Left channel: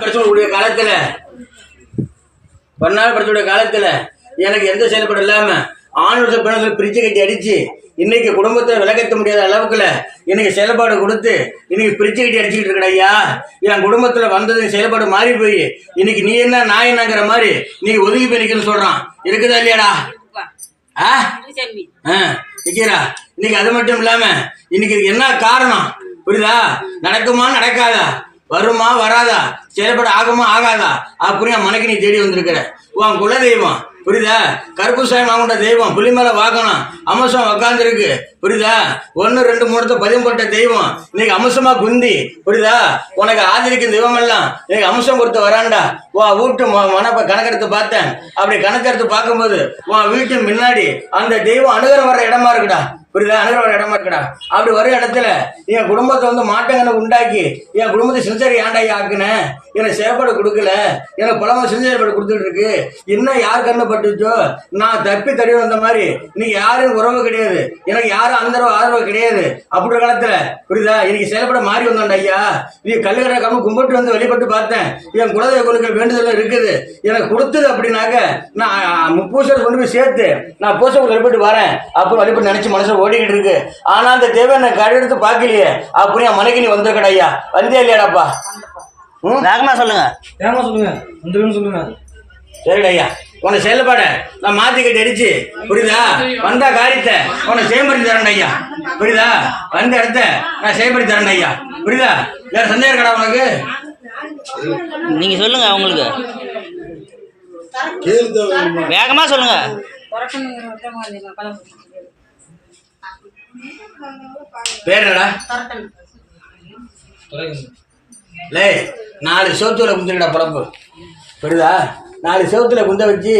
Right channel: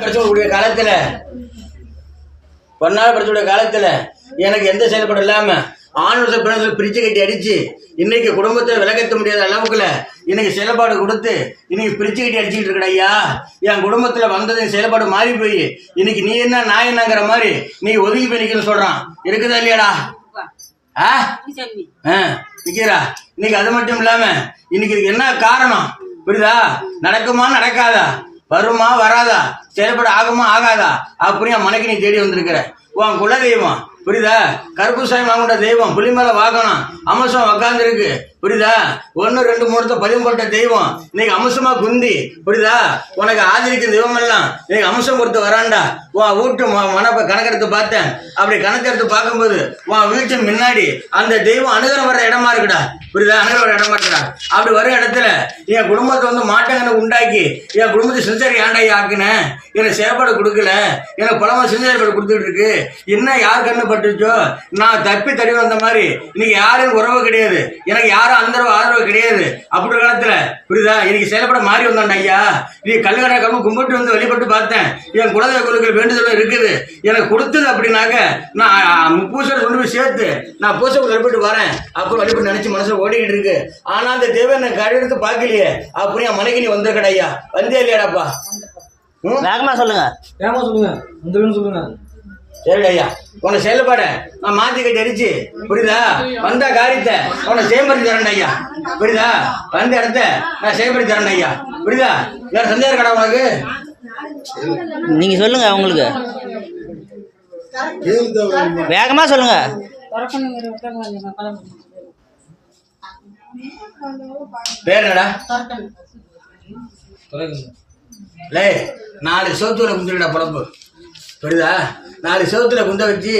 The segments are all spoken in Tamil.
படிச்சக்கூடிய காலத்துல பன்னாள் படிச்சக்கூடிய காலத்துல எனக்கு எந்த செயல்பாடு இல்லாம ஆண் பெண்கள் பிரிச்சு கட்டி அடிச்சு இன்னைக்கு குடும்பத்தை விலகத்த முடியாத அளவுக்குல இன்னைக்கு செயல்பாடு கொடுத்து இன்னைக்கு பிரிச்சு கட்டி அடிச்சுக்கிட்டு இருக்கேன் ஐயா. என் குடும்பத்துல வந்தது செயல்பாடு மாறி போய் இன்னைக்கு நீ என்ன நான் என்னங்கிற மாதிரி நீங்க ஒதுங்கி போய் நிக்கணும்னு சொல்றான். இருக்குதா இல்லையாடா? நிக்கிறா. இன்னைக்கு அது மட்டும் இல்லாம இன்னைக்கு என்ன காரணம் புரியுதா? நடக்குமா நடக்காதா, வருமா வராதா, செயல்பட ஆகுமா ஆகாதா அப்படியே மனைக்கு நீ தேடி வந்திருக்கிற. உன் குல தெய்வம் புரியுதா? கருப்பு சாமி வாங்கிட்ட தெய்வம் புலிமலை வாங்கணும் அம்சம் உக்காந்து இருக்கு புரியுதா? 1 2 3 பதிவு போட்ட தெய்வம் இன்னைக்கு அம்சமா குந்தி புரியுதா? உனக்கு ஆதரிக்கும் தெய்வம் எல்லாம் இன்னைக்கு அம்சம் கொடுத்து வராண்டா. உன் வீட்டு மனப்ப கணக்கெடுத்து பார்த்தேன். அப்படி கணக்கெடுத்து பார்க்கும்போது உன் வீட்டு முன்னாடி அந்த தெய்வம் அணுகிற வர இடமா இருக்குடா புரியுதா? அணுகிற வர இடமா இருக்குடா. அப்படி வர இடத்துல என் குடும்பத்தை வந்து மாற்றங்களை உண்டாக்கி என் குடும்பத்தை சின்சரி ஆண்டாயி ஆக்குனேன். எனக்கு செயல்பாடு கொடுக்கல, எனக்கு பலமா சின்சரிப்பாடு கொடுத்துட்டு இருக்கு. இன்னும் யார் கண்ணு பட்டுச்சோ நான் தப்பி தடி வந்த மாதிரி இன்னைக்கு யாரும் உறவு கிடையாது, எனக்கு யாரும் அந்த ஆதரவு கிடையாது. அப்படி காலத்துல புரியுதா? இன்னைக்கு செயல்பட மாறி வந்தாண்டா ஐயா. நீ கல்லுக்கடை கம்பு கும்பிட்டு வந்து வழிபட்டு பார்த்தேன். என் குலதெய்வ கோயில்கள் வேண்டுதலும் இருக்குது. எனக்கு கொடுத்தது அப்படின்னாக்க நான் பூசை கொண்டு போய் சேர்த்து நான் பூசை வழிபட்டு வரேன் அப்புறம் வழிபட்டு நினைச்சு மனசுல ஓடிக்கிட்டு இருக்கு. ஆனா அந்த தேவை நான் கடையெடுத்து பார்க்கலையே அப்படியே மனைக்கு நீ வந்திருக்கடா ஐயா. வந்தியா இல்லையாடாப்பா? வேகமா சொல்லுங்க, வேகமா சொல்லுங்க, வந்துருன்னு சொல்லுங்க. சரிடா ஐயா, உன்னை செயல்பாட நான் மாத்தி கட்டி அடிச்சு புரியுதா? வந்தா காரியத்தை உன்னை செயல்படுத்தி தரேன் ஐயா புரியுதா? வந்த இடத்த நான் செயல்படுத்தி தரேன் ஐயா புரியுதா? வேற சந்தேகம் இருக்கடா உனக்கு? நீங்க சொல்லுங்க, உங்களுக்கு வேகமா சொல்லுங்க. பேர் என்னடா? லே 4 சோத்துல குந்துடா பழப்பு புரியுதா? 4 செவத்துல குந்த வச்சு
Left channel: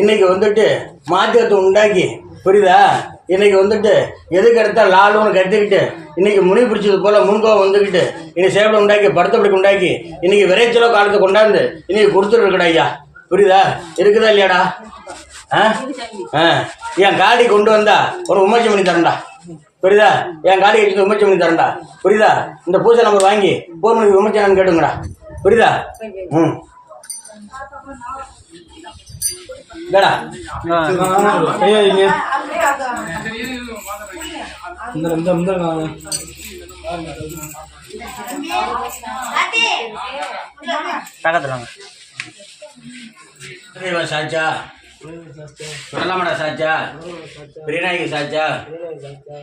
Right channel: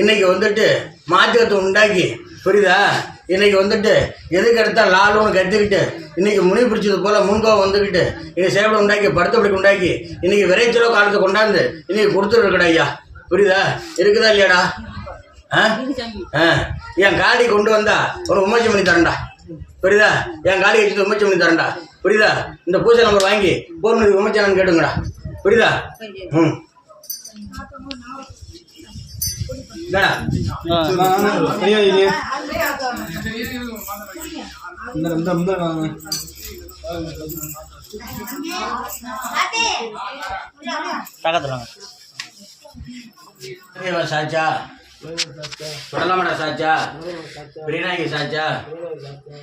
இன்னைக்கு வந்துட்டு மாற்றத்தை உண்டாக்கி புரியுதா? இன்னைக்கு வந்துட்டு எதுக்கு எடுத்தா லாலுன்னு கற்றுக்கிட்டு இன்னைக்கு முனி பிடிச்சது போல முன்கோவம் வந்துக்கிட்டு இன்னைக்கு சேவலை உண்டாக்கி படுத்தப்படி உண்டாக்கி இன்னைக்கு விரைச்சலோ காலத்தை கொண்டாந்து இன்னைக்கு கொடுத்துட்டு இருக்கடா ஐயா புரியுதா? இருக்குதா இல்லையாடா? என் காடி கொண்டு வந்தா ஒரு உமர்ச்சி பண்ணி தரேன்டா புரியுதா? என் காடி வச்சு உமர்ச்சி பண்ணி தரேன்டா புரியுதா? இந்த பூஜை நம்பர் வாங்கி போர்மணி உமர்ச்சானு கேட்டுங்கடா புரியுதா? சாச்சா சுடலமடா சாச்சா பிரிநாயகி சாச்சா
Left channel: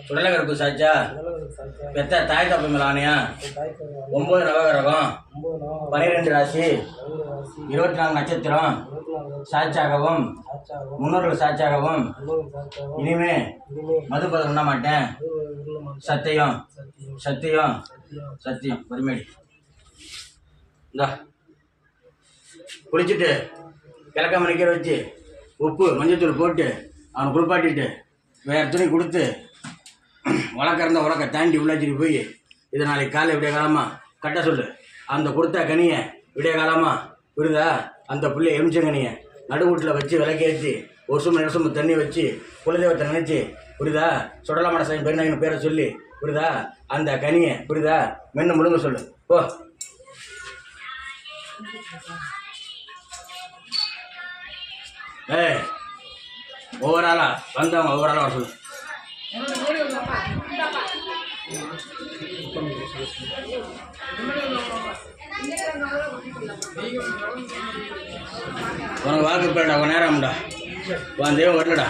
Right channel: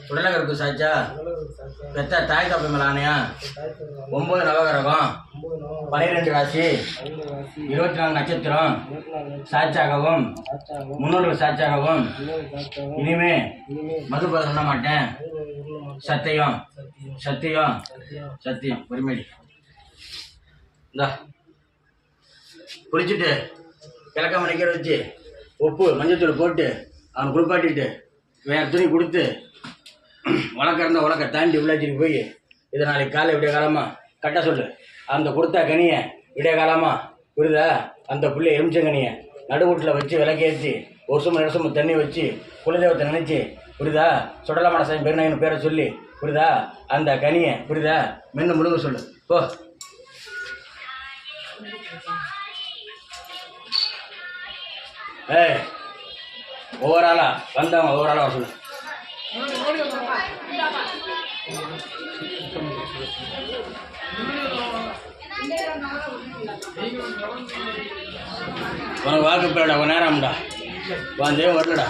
சுடலகருப்பு சாச்சா பெத்த தாய் தப்பை மேல ஆணையா 9 நவகிரகம் 12 ராசி 24 நட்சத்திரம் சாட்சாகவும் முன்னோர்கள் சாட்சாகவும் இனிமே மதுபதம் பண்ண மாட்டேன். சத்தியம் சத்தியம் சத்தியம் பெருமேடி இந்தா குளிச்சுட்டு கிழக்க மணிக்கிற வச்சு உப்பு மஞ்சத்தூள் போட்டு அவன் குளிப்பாட்டிட்டு வேற துணி கொடுத்து உனக்கிறந்த உனக்க தாண்டி உள்ளாச்சிட்டு போய் இதை நாளைக்கு காலை விடிய காலமாக கட்ட சொல்லு. அந்த கொடுத்தா கனியை விடிய காலமாக புரியுதா? அந்த புள்ளை எலுமிச்சங்கனியை நடுவூட்டில் வச்சு விளக்கேற்றி 1 சும்மா 2 சும்மா தண்ணி வச்சு குலதெய்வத்தை நினச்சி புரியுதா? சுடலமான சாமி பெருநாயகன் பேரை சொல்லி புரியுதா? அந்த கனியை புரியுதா மென்னு முழுங்க சொல்லு போ. ஒவ்வொரு ஆளா வந்தவங்க ஒவ்வொரு ஆளா வர சொல்லு. உனக்கு வாக்கு போடா உன் நேரம்டா உன் தெய்வம் வரலடா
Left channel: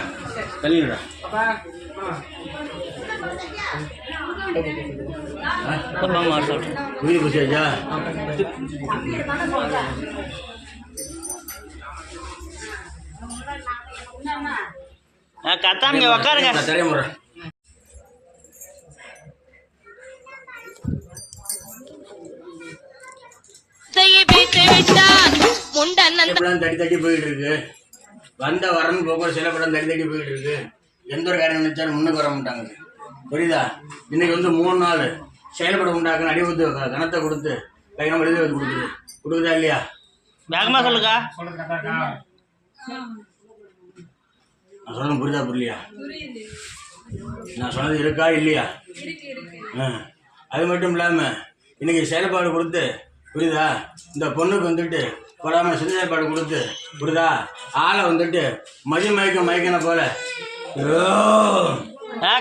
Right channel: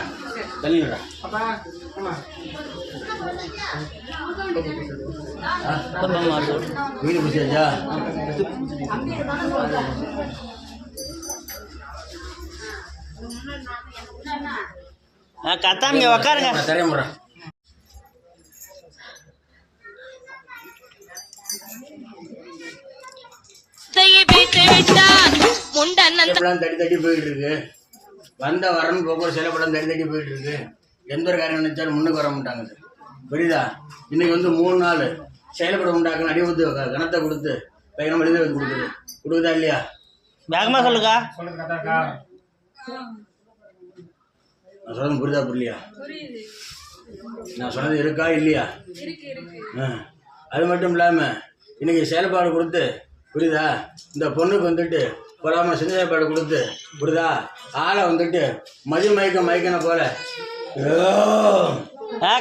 தள்ளிடா. வீடு குடிச்சாச்சா? கத்தாம உக்காருங்க. தெரியுமுறை தட்டி தட்டி போயிட்டு இருக்கு. வந்த வரன்னு போக சில படம் தட்டி தட்டி போயிட்டு இருக்கு. எந்த ஒரு காரியம் நினைச்சாலும் முன்னுக்கு வர மாட்டாங்க புரியுதா? இன்னைக்கு வந்து 3 நாள் செயல்பட உண்டாக்க அடிவத்து கணத்தை கொடுத்து பையனை எழுதி வந்து கொடுக்குதா இல்லையா? வேகமா சொல்லுங்க. நான் சொல்றது புரியுதா புரியலையா? புரியுது. நான் சொன்னது இருக்கா இல்லையா? இருக்கு இருக்கு. அது மட்டும் இல்லாமல் இன்னைக்கு செயல்பாடு கொடுத்து புரியுதா, இந்த பொண்ணுக்கு வந்துட்டு கொடாமல் செஞ்ச செயல்பாடு கொடுத்து புரியுதா, ஆளை வந்துட்டு மயக்கன போல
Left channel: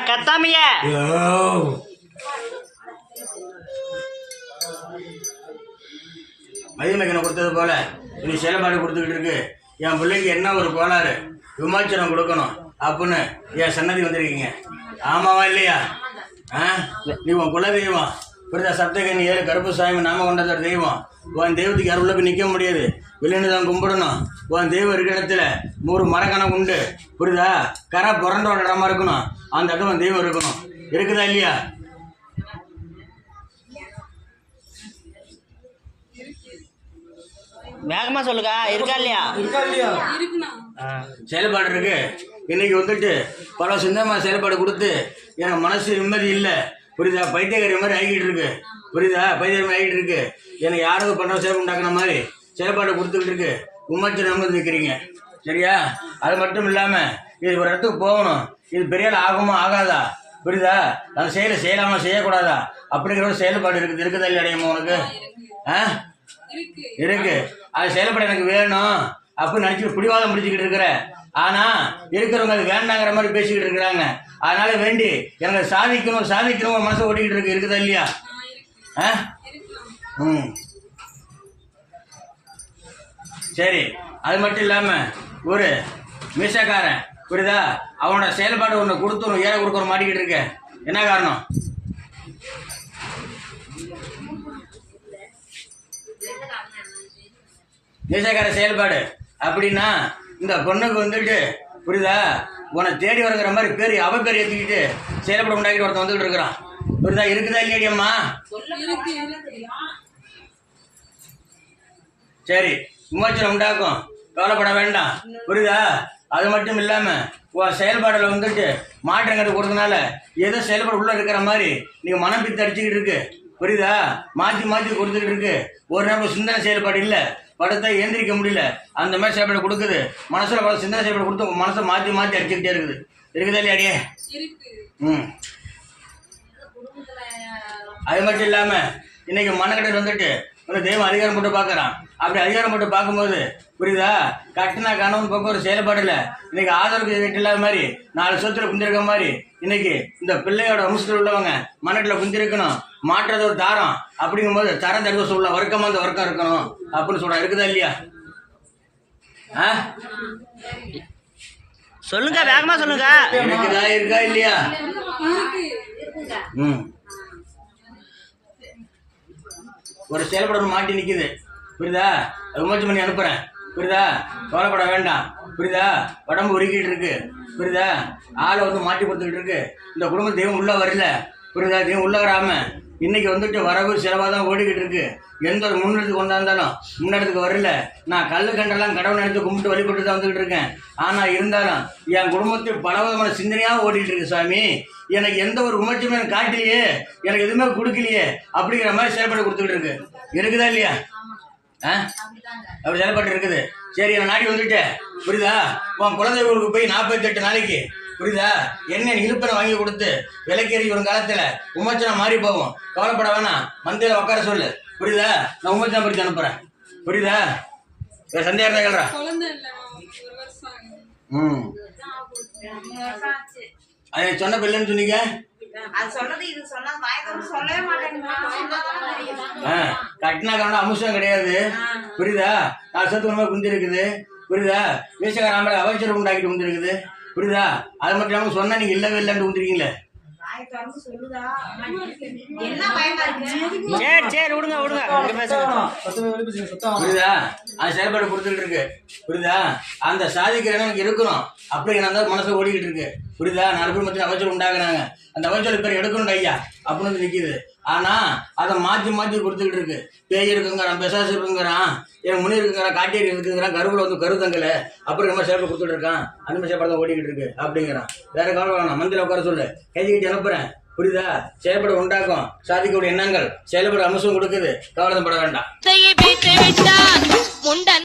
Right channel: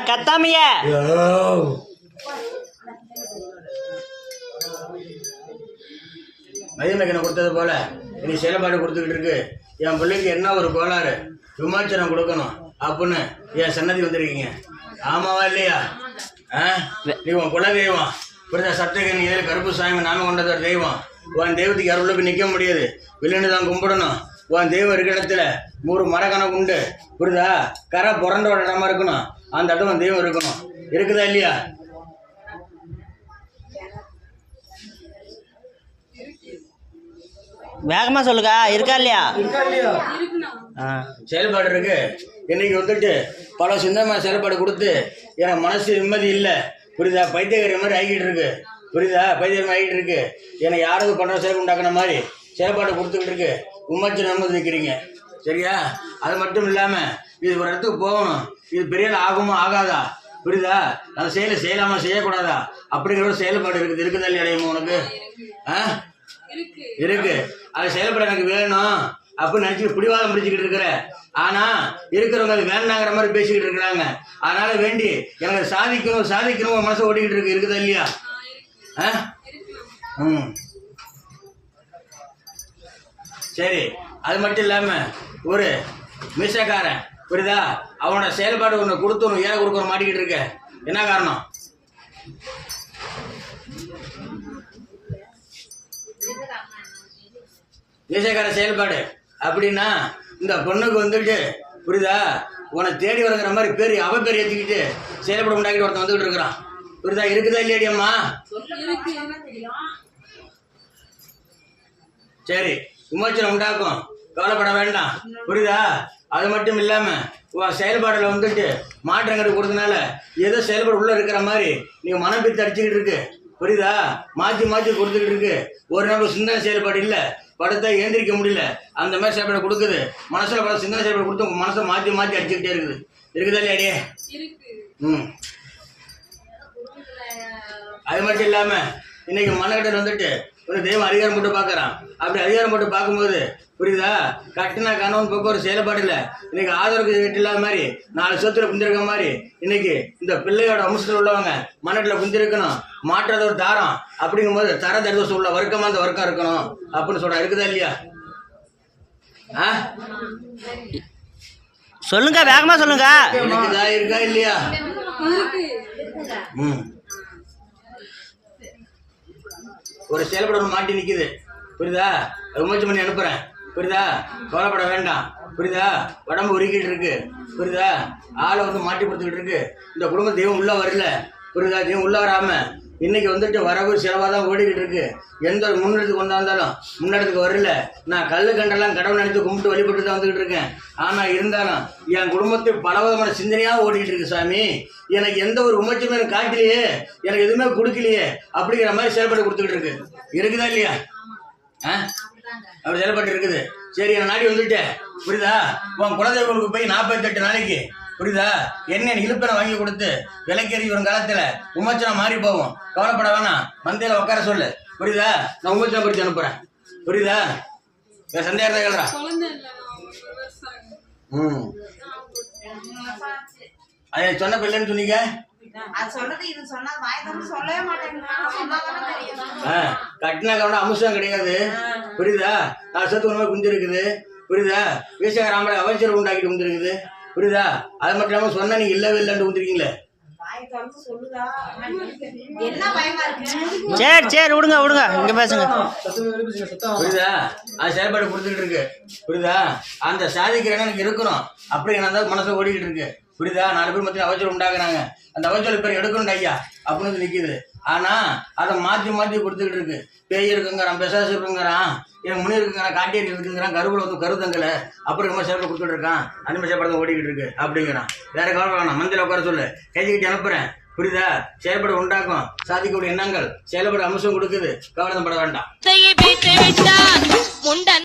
கத்தாமிய மயக்கனை கொடுத்தது போல இன்னைக்கு செயல்பாடு கொடுத்துக்கிட்டு இருக்கு. என் பிள்ளைக்கு என்ன ஒரு கோளாறு, விமோச்சனம் கொடுக்கணும் அப்படின்னு என் சன்னதி வந்திருக்கீங்க. ஆமாவா இல்லையா? நீ உன் குல தெய்வம் புரியுதா, சப்தகனி 7 கருப்பு சாமி நாம கொண்டது ஒரு தெய்வம். உன் தெய்வத்துக்கு யாரும் உள்ள போய் நிற்க முடியாது, வெளியின்னு தான் கும்பிடணும். உன் தெய்வம் இருக்கிற இடத்துல 100 மரக்கணக்கு உண்டு புரியுதா, கரை புரண்டோட இடமா இருக்கணும், அந்த இடத்துல உன் தெய்வம் இருக்கணும். இருக்குதா இல்லையா? வேகமா சொல்லுங்க, இருக்கா இல்லையா? இருக்குண்ணா. செயல்பாடு இருக்கு. இன்னைக்கு வந்துட்டு பல சிந்தமான செயல்பாடு கொடுத்து எனக்கு மனசு நிம்மதி இல்லை புரியுதா, பைத்தியக்காரி மாதிரி ஆகிட்டு இருக்கு புரியுதா, பைத்தியம் ஆகிட்டு இருக்கு. எனக்கு யாராவது பண்ணுற செயல்பாடு உண்டாக்குன மாதிரி செயல்பாடு கொடுத்துக்கிட்டு இருக்கு. உமாச்சு நம்பது வைக்கிறீங்க சரியா? அது மட்டும் இல்லாமல் இது ஒரு இடத்துக்கு போகணும், இது பெரிய ஆகுமா ஆகாதா புரியுதா, அந்த செய்யலாமா செய்யக்கூடாதா அப்படிங்கிற ஒரு செயல்பாடு இருக்குது. இருக்குதா இல்லையா அடையுமா உனக்கு? இருக்கு. அது செயல்பட எனக்கு வேணும் அப்படின்னு நினச்சிட்டு பிடிவாதம் பிடிச்சிக்கிட்டு இருக்கிற. ஆனால் இருக்கிறவங்க அது வேண்டாங்கிற மாதிரி பேசிக்கிட்டு இருக்கிறாங்க. அதனால வேண்டி எனக்கு சாதிக்கணும் மனசை ஓட்டிக்கிட்டு இருக்கு. இருக்குதா இல்லையா? சரி. அது மட்டும் இல்லாமல் ஒரு மிஷக்காரன் புரியுதா, அவனோட செயல்பாடு ஒன்று கொடுத்து ஒன்று ஏற கொடுக்க மாட்டிக்கிட்டு இருக்க. என்ன காரணம்? மீசக்கார செயல்பாடு அப்படின்னா இந்த பொண்ணுக்கு வந்துட்டு புரியுதா, உன்னை தேடி வருங்கிற மாதிரி பேர் அவக்கறி ஏற்றிக்கிட்டு செயல்பட உண்டாக்கிட்டு ஒருத்தன் வந்துக்கிட்டு இருக்கிறான் புரியுதா. இருக்குதா இல்லையாடி அம்மா? சரி, விமோச்சனம் உண்டாக்கும், கவலைப்பட வேண்டாம் புரியுதா. அது மட்டும் இல்லாமல் உன் செயல்பாடில் வந்துட்டு மாற்றங்கள் கொடுத்தனால ஏதோ செயல்பாடு உள்ளே இருக்கிற மாதிரி நீங்கள் மனம் பித்து அடிச்சுக்கிட்டு இருக்கு புரியுதா, மாற்றி கொடுத்துக்கிட்டு இருக்கு. ஒரு நேரம் சிந்தனை செயல்பாடு இல்லை, படத்தை ஏந்திரிக்க முடியல, அந்த மாதிரி செயல்பாடு கொடுக்குது. மனசில் பல சிந்தனை செயல்பாடு கொடுத்து உங்கள் மனசை மாற்றி அடிச்சுக்கிட்டே இருக்குது. இருக்குதா இல்லையாடியே? அது மட்டும் இல்லாமல் இன்னைக்கு மனக்கட்டல் வந்துட்டு ஒரு தெய்வம் அதிகாரம் போட்டு பார்க்குறான். அப்படி அதிகாரம் போட்டு பார்க்கும்போது புரியுதா, கட்டினா கணவன் பக்கம் ஒரு செயல்பாடு இல்லை. இன்னைக்கு ஆதரவு வீட்டு இல்லாத மாதிரி 4 சொத்துல குந்திருக்க மாதிரி இன்னைக்கு இந்த பிள்ளையோட அம்சத்தில் உள்ளவங்க மனட்டில் குந்திருக்கணும். மாற்றது ஒரு தாரம் அப்படிங்கும்போது தர தரிவசம் உள்ள வர்க்கமாக அந்த வர்க்கம் இருக்கணும் அப்படின்னு சொல்ற. இருக்குதா இல்லையா? சொல்லுங்க, வேகமா சொல்லுங்க. இருக்குதா இருக்கா இல்லையா? ஒரு செயல்பட மாட்டி நிற்குது புரியுதா, விமோச்சனம் பண்ணி அனுப்புறேன் புரியுதா, கவலைப்பட வேண்டாம் புரியுதா. உடம்பு உருக்கிட்டு இருக்கு புரியுதா, ஆளை வந்து மாட்டி கொடுத்துக்கிட்டு இருக்கு. இந்த குடும்ப தெய்வம் உள்ள வரல புரியுதா, தெய்வம் உள்ள வராம இன்னைக்கு வந்துட்டு வரவு செலவாக தான் ஓடிக்கிட்டு இருக்கு. எந்த முன்னெடுத்துக்கு வந்தாலும் முன்னெடுத்துக்கு வரல. நான் கல்லு கண்டெல்லாம் கடவுள் நினைத்து கும்பிட்டு வழிபட்டு தான் வந்துக்கிட்டு இருக்கேன். ஆனால் இருந்தாலும் என் குடும்பத்தை பல விதமான சிந்தனையாக ஓடிட்டு இருக்கு சாமி. எனக்கு எந்த ஒரு உமர்ச்சியுமே எனக்கு காட்டலையே, எனக்கு எதுவுமே கொடுக்கலையே அப்படிங்கிற மாதிரி செயல்பட்டு கொடுத்துக்கிட்டு இருக்கு. இருக்குதா இல்லையா? அப்படி செயல்பட்டு இருக்குது. சரி, நான் நாடி வந்துட்டேன் புரியுதா. உன் குலதெய்வங்களுக்கு போய் 48 நாளைக்கு புரியுதா என்ன இழுப்பனை வாங்கி கொடுத்து விலைக்கேறி வரும் காலத்துல உமச்சனம் மாறி போவோம். கவலைப்பட வேணாம், மந்தையில உட்கார சொல்லு புரியுதா. நான் உமச்சனம் பிடிச்சி அனுப்புறேன் புரியுதா. சந்தேகம் கேள்றா. அது சொன்ன பிள்ளைன்னு சொன்னீங்க. கட்டினா காரணம் அம்சம் கிடையாது புரியுதா. 4 சொத்து உண்மை குந்தி இருக்குது புரியுதா. வீசகாராமலை அவசரம் உண்டாக்கிட்டு குந்திருக்குது புரியுதா. அது மட்டும் இல்லாமல் சொன்னா நீங்க இல்லவே இல்லைன்னு குந்திருக்கீங்களே. சரி விடுங்க இங்க பேசுங்க புரியுதா. அது செயல்பாடு கொடுத்துட்டு இருக்கு புரியுதா. அந்த சாதிக்கிற எனக்கு இருக்கணும் அப்படி நான் மனசை ஓடிக்கிட்டு இருக்கு புரியுதா. 4 பேர் மத்தியும் அவசரம் உண்டாக்குறாங்க, அந்த அவசரம் பேர் எடுக்கணும் ஐயா அப்படின்னு நிற்கிது. ஆனா அதை மாற்றி கொடுத்துக்கிட்டு இருக்கு. பேய் இருக்குங்கிறான், பெசாசு இருக்குங்கிறான், எனக்கு முனி இருக்குங்கிறான், காட்டேரி இருக்குங்கிறான், கருவில் வந்து கருத்தங்கல அப்படி ரொம்ப செயல்பட கொடுத்துட்டு இருக்கான். அந்த மாதிரி செயல்பட ஓடிக்கிட்டு இருக்கு அப்படிங்கிறான். வேற கவலை வேணாம், மந்தியில் உட்கார சொல்லு, கைதிக்கிட்டு அனுப்புறேன் புரியுதா. செயல்பட உண்டாக்கும், சாதிக்கக்கூடிய எண்ணங்கள் செயல்பட அம்சம் கொடுக்குது, கவலைப்பட வேண்டாம்.